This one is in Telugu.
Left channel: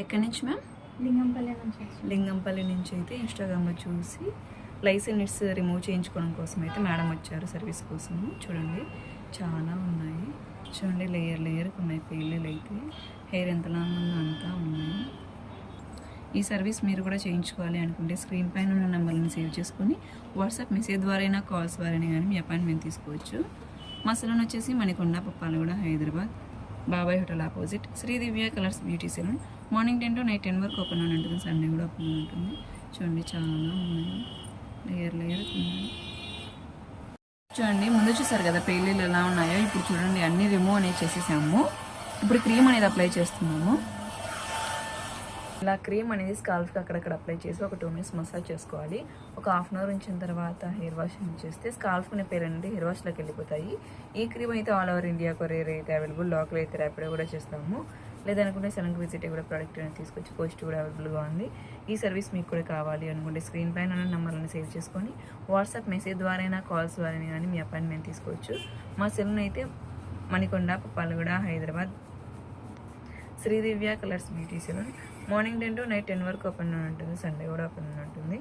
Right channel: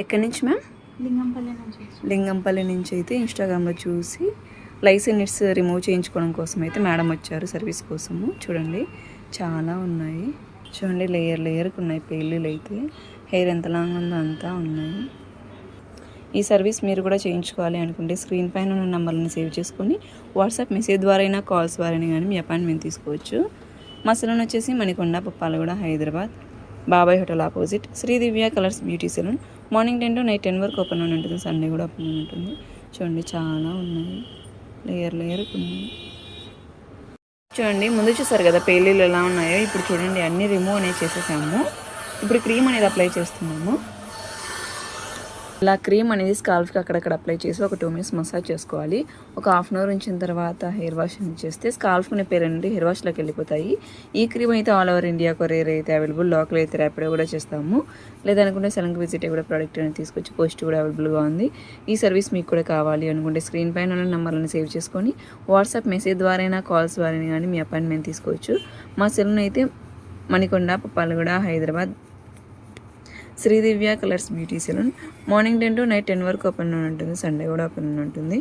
ఎక్కడి నుంచి మ్యామ్? లింగంపల్లి నుంచి అయితే ఇన్స్టాగ్రామ్లో చూసి లైసెన్స్ రిమూవ్ చేయించుకోవడం కోసం అయితే మేడం వచ్చారు సర్వీస్ కోసము. చూడండి చాలా ఉన్నాయి, చూడండి లేయర్కి ఉన్నాయి పెళ్ళిళ్ళు అయితే. హెయిర్ ఎంత లాంగ్ ఉందో అంతా ఉన్నాయి. ఈ సర్వీస్ మీరు కూడా చేయించుకోవాలి అనుకుంటే స్క్రీన్ పైన ఉన్న నెంబర్లను సేవ్ చేసుకొని వాట్సాప్ మెసేజ్ ద్వారా అయినా కాల్స్ ద్వారా కానీ మీ అపాయింట్మెంట్ తీసుకోవచ్చు. మా సెలూన్ వచ్చేసి Manikonda, పప్పాలగూడ, Hyderabad, Babai hotel opposite Sridivya colours beauty salon. Morning 10 to night 10 వరకు ఓపెన్ ఉంటుంది. సండే కూడా ఓపెన్ ఉంటుంది. చూడండి చాలా ఉన్నాయి, లేయర్కి ఉన్నాయి. చూడండి ముందు చూసారు కదా పెళ్ళిళ్ళు ఎలా ఉన్నాయో. ఇప్పుడు చూడండి అన్నీ రిమూవ్ అనేది చేసేసాము. ఇప్పుడు క్రీమ్ అనేది అప్లై చేస్తున్నాము. ఇలా క్రీమ్ అనేది స్కాల్ఫ్కి అక్కడక్కడ అప్లై చేసి ఒక 2 minutes మసాజ్ చేసుకోవాలి. ఒక 1/2 hour ఉంచిన తర్వాత హెయిర్ వాష్ చేస్తే స్కాల్ఫ్ని పేరు నుండి హెయిర్ వాష్లోకి వెళ్ళిపోతాయి. ఈ క్రీమ్ అయితే ఆల్ ఓవర్ ఇండియా కొరియర్ అయితే అవైలబుల్, లోకల్ అయితే ర్యాపిడో కూడా చేస్తాము. లేదనుకుంటే సెలెన్కి విజిట్ కూడా ప్రోడక్ట్ అనేది తీసుకొచ్చి పోస్ట్ కూడా అవైలబుల్గా ఉంది. ఈ సర్వీస్ మీకు కూడా కావాలి అనుకుంటే స్క్రీన్ పైన ఉన్న నెంబర్లను సేవ్ చేసుకొని వాట్సాప్ మెసేజ్ ద్వారా అయినా కాల్స్ ద్వారా కానీ మీ అపాయింట్మెంట్ తీసుకోవచ్చు. మా సెలూన్ అయితే Manikonda, పప్పాలగూడ, Hyderabad, Sridivya colours beauty salon. Morning 10 to night 10 వరకు ఓపెన్ ఉంటుంది. సండే కూడా ఓపెన్ ఉంటుంది.